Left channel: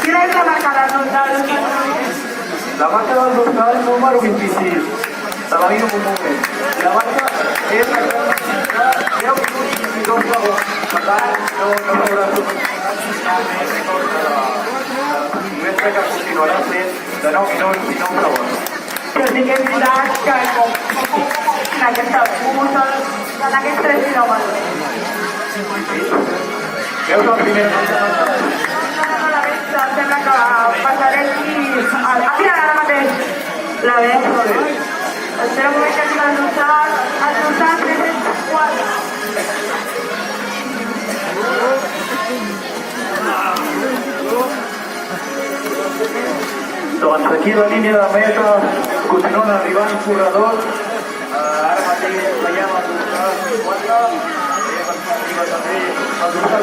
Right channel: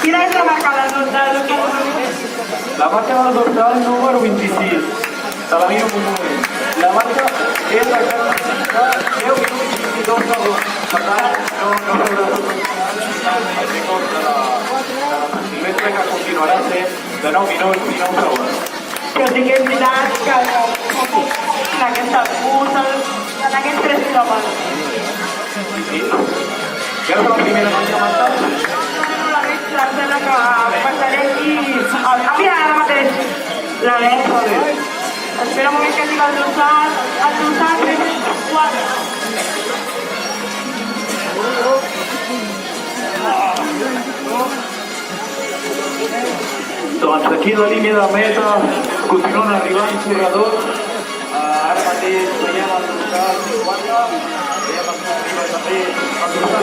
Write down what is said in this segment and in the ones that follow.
Quina és la marca del dorsal? La marca del dorsal número 26. Se la miro un moment. La marca és la de 10 minuts i 22 segons. Per tant, no haurà de centímetre que continuarà sent de 9 minuts i 9 segons. Però sí que és veritat que en aquesta cursa, en aquests 3 quilòmetres. Sí? Veus la primera nota? Em sembla que passaré aquí. Mira, ara mateix. La veig. Espera un moment que hagi el dorsal 304. Doncs aquí la línia de meta continuen arribant corredors. Ara mateix veiem el dorsal 4.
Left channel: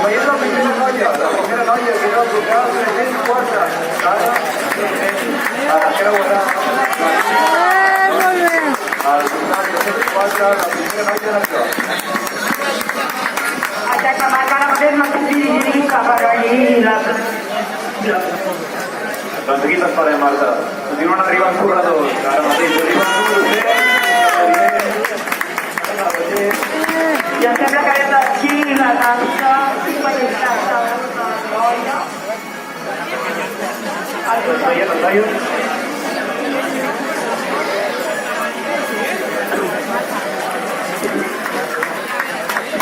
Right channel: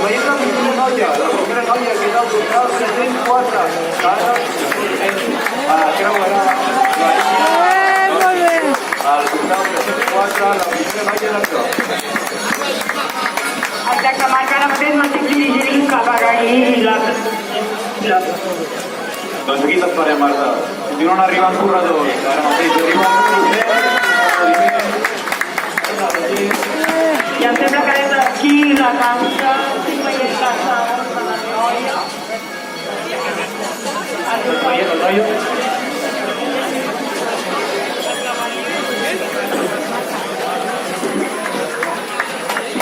Veiem la primera noia que era el dorsal 304. Ara creuarà Molt bé. el dorsal 304, la primera noia de això. Exacte, Marc, ara mateix no estic dirigint cap a aquí. Doncs aquí t'esperem, Marta. Continuen arribant corredors. Ara mateix arriben I em sembla que des d'aquí la tasca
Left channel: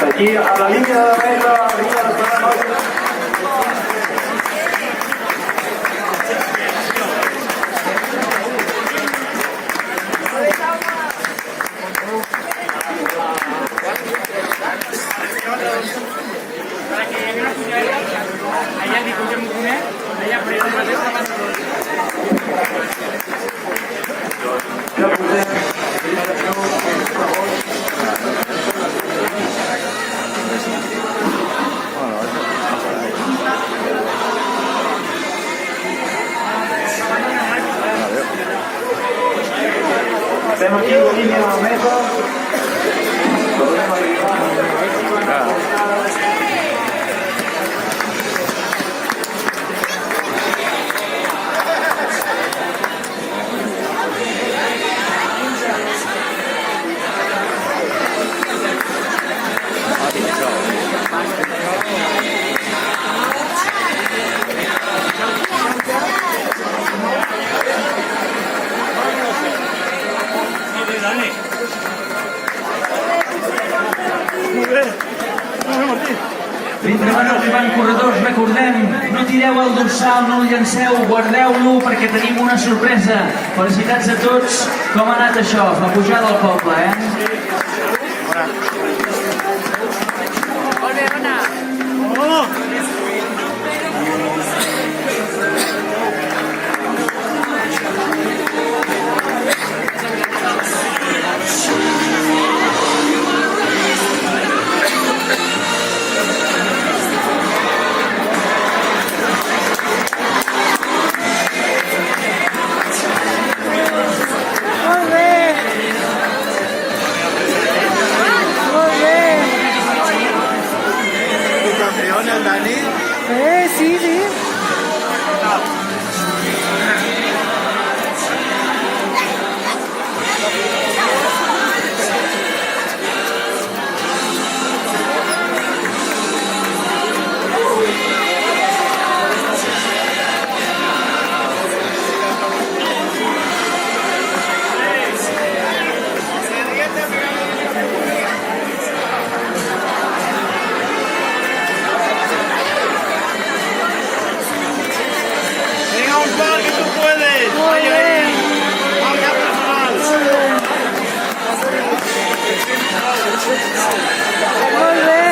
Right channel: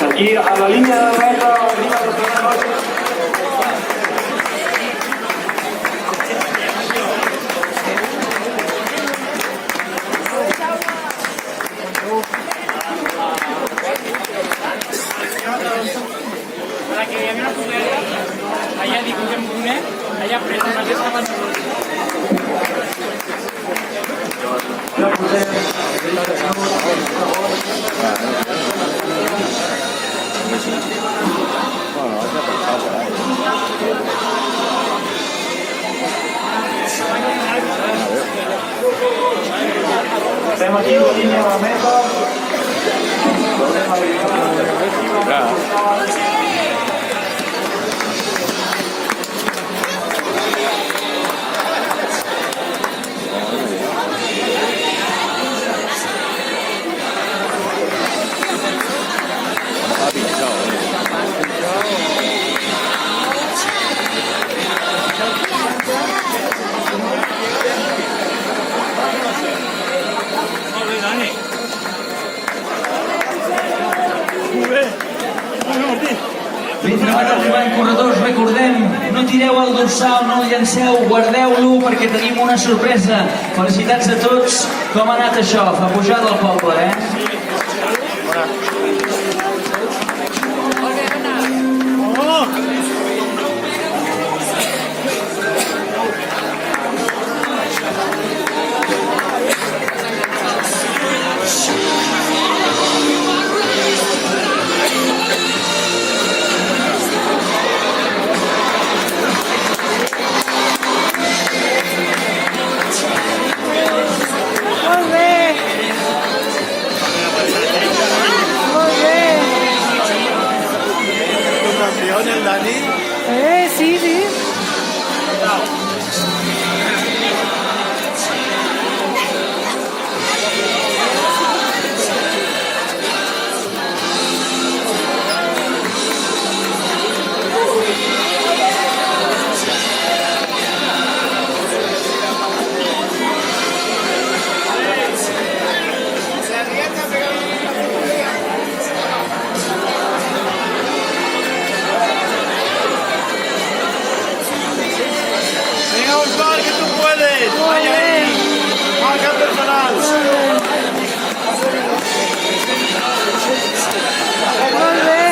aquí a la línia de meta arriba la segona noia. Estem aquí a la línia de meta. Mentre van arribant corredors, recordem, no tireu el dorsal, no el llanceu, guardeu-lo perquè tenim una sorpresa. Felicitats a tots. Com ha anat això? Fa pujada al poble, Molt bé. Molt bé. Un campeón, el Dani. Sí, sí. Molt bé. Marca personal. Molt bé. Molt bé.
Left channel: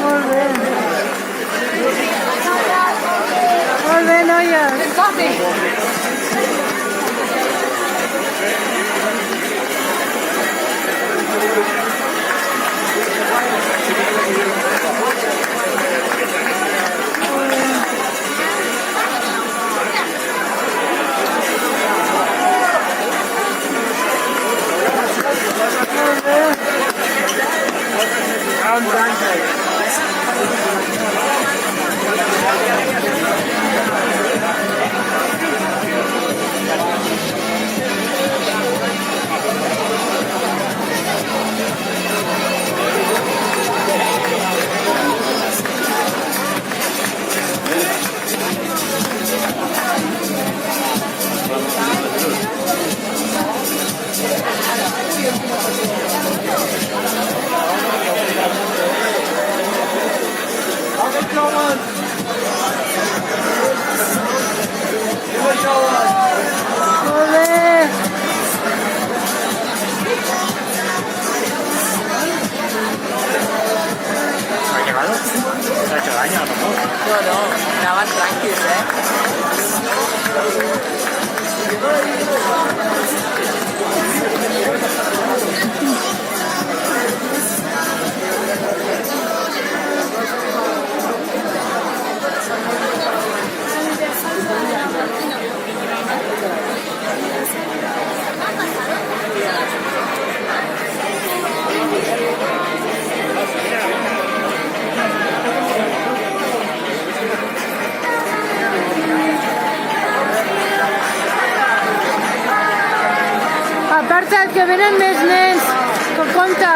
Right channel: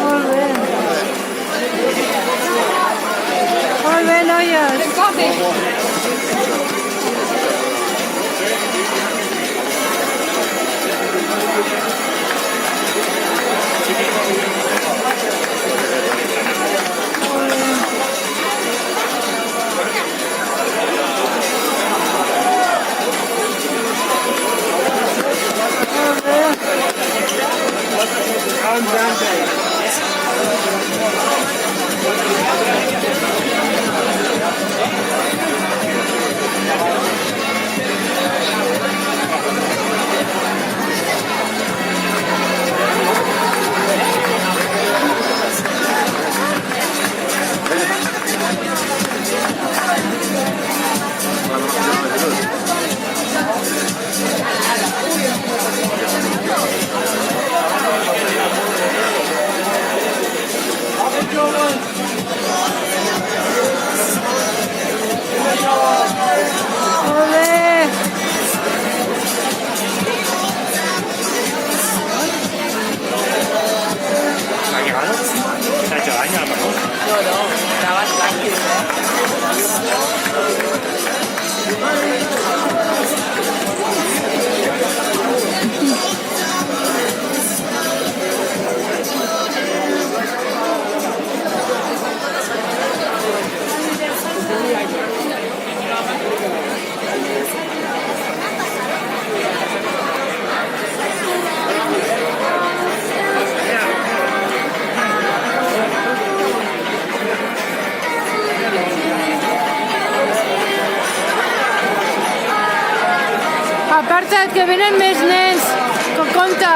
Molt bé. Molt bé, noies. Molt bé. Molt bé. Molt bé. ¿Ha llegado? ¿Se ha hecho daño a lo mejor? Aparta't, que venen més nens. Compte.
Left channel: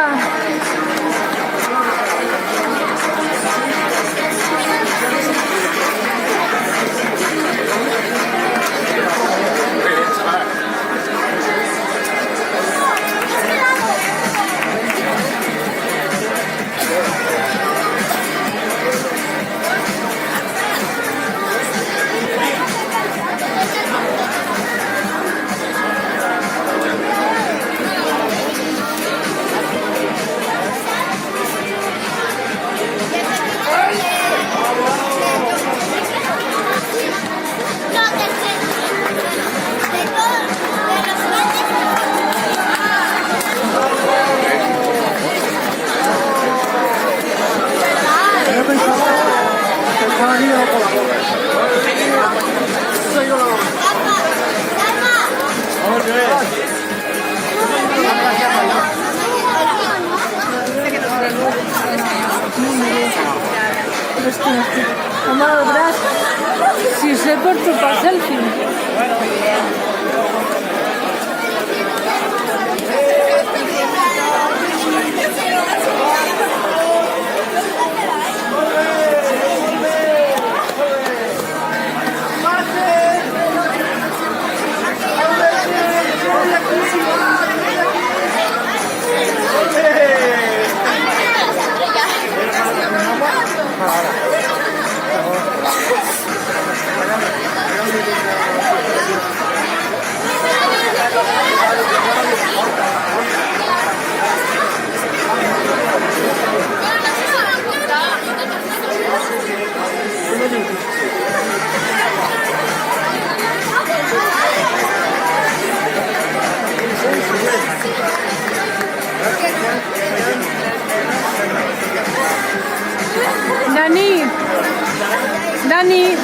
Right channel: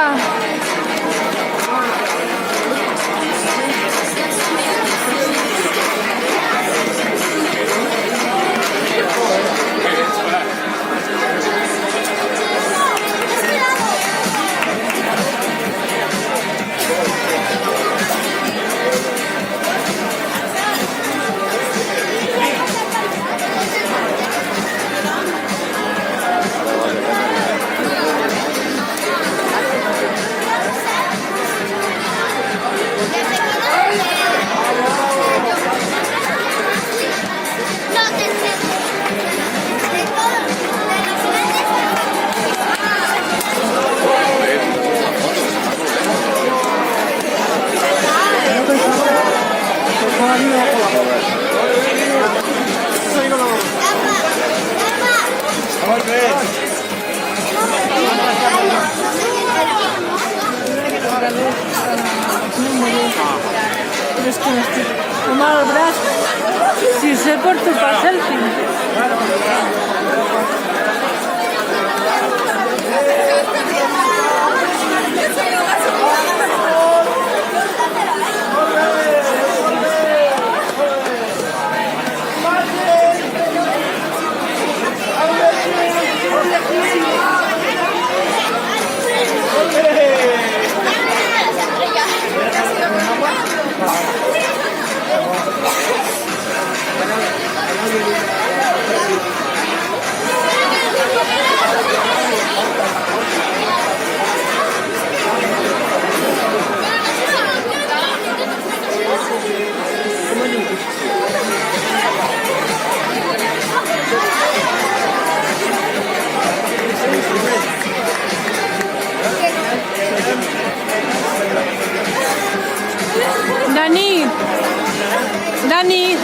És que n'estic amb el braç. Si sé porto per selfie. Dani. Dani.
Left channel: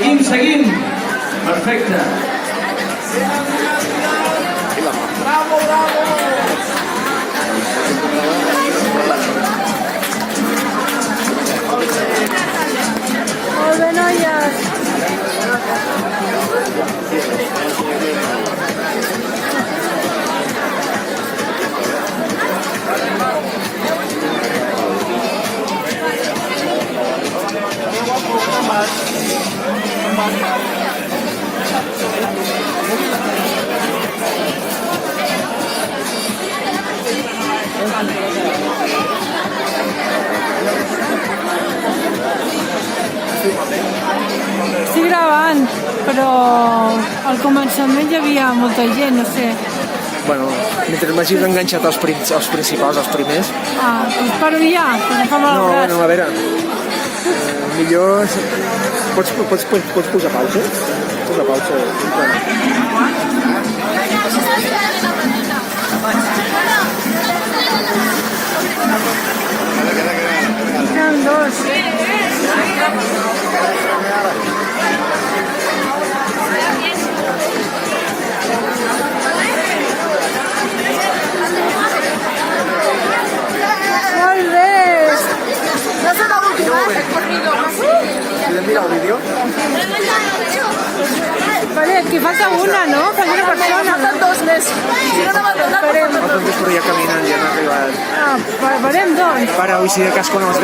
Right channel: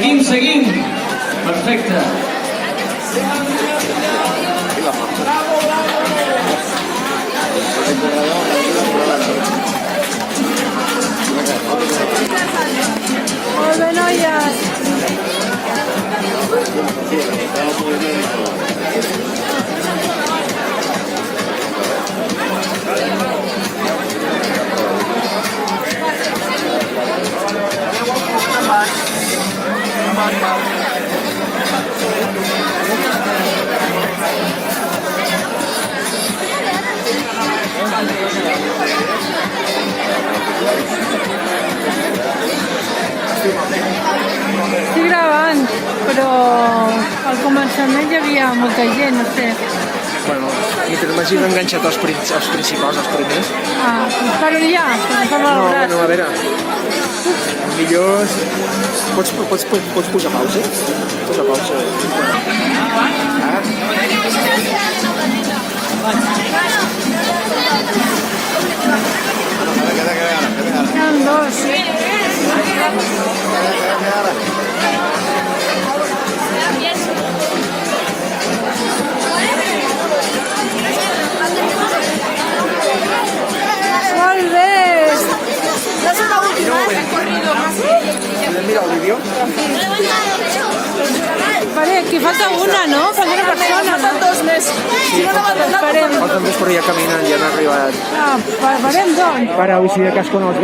Seguim. Perfecte. Molt bé, noies. Estic gravant, però al començament hi havia molta gent, no sé. Bueno, mentre m'hagis enganxat els principals, els primers. Ah, doncs paro ja, perquè fa mal el braç. No, a veure, millor... Pots posar pausa? Posa pausa. Eren dos. Molt bé! No soy la última, he corrido. Podem mirar el vídeo? Vale, aquí falta una, no? Falta una persona, no? Dos meses. Esperem. Els dos ja caminen, ja han arribat. Ah, farem dos. Para, hoy si de cas quan els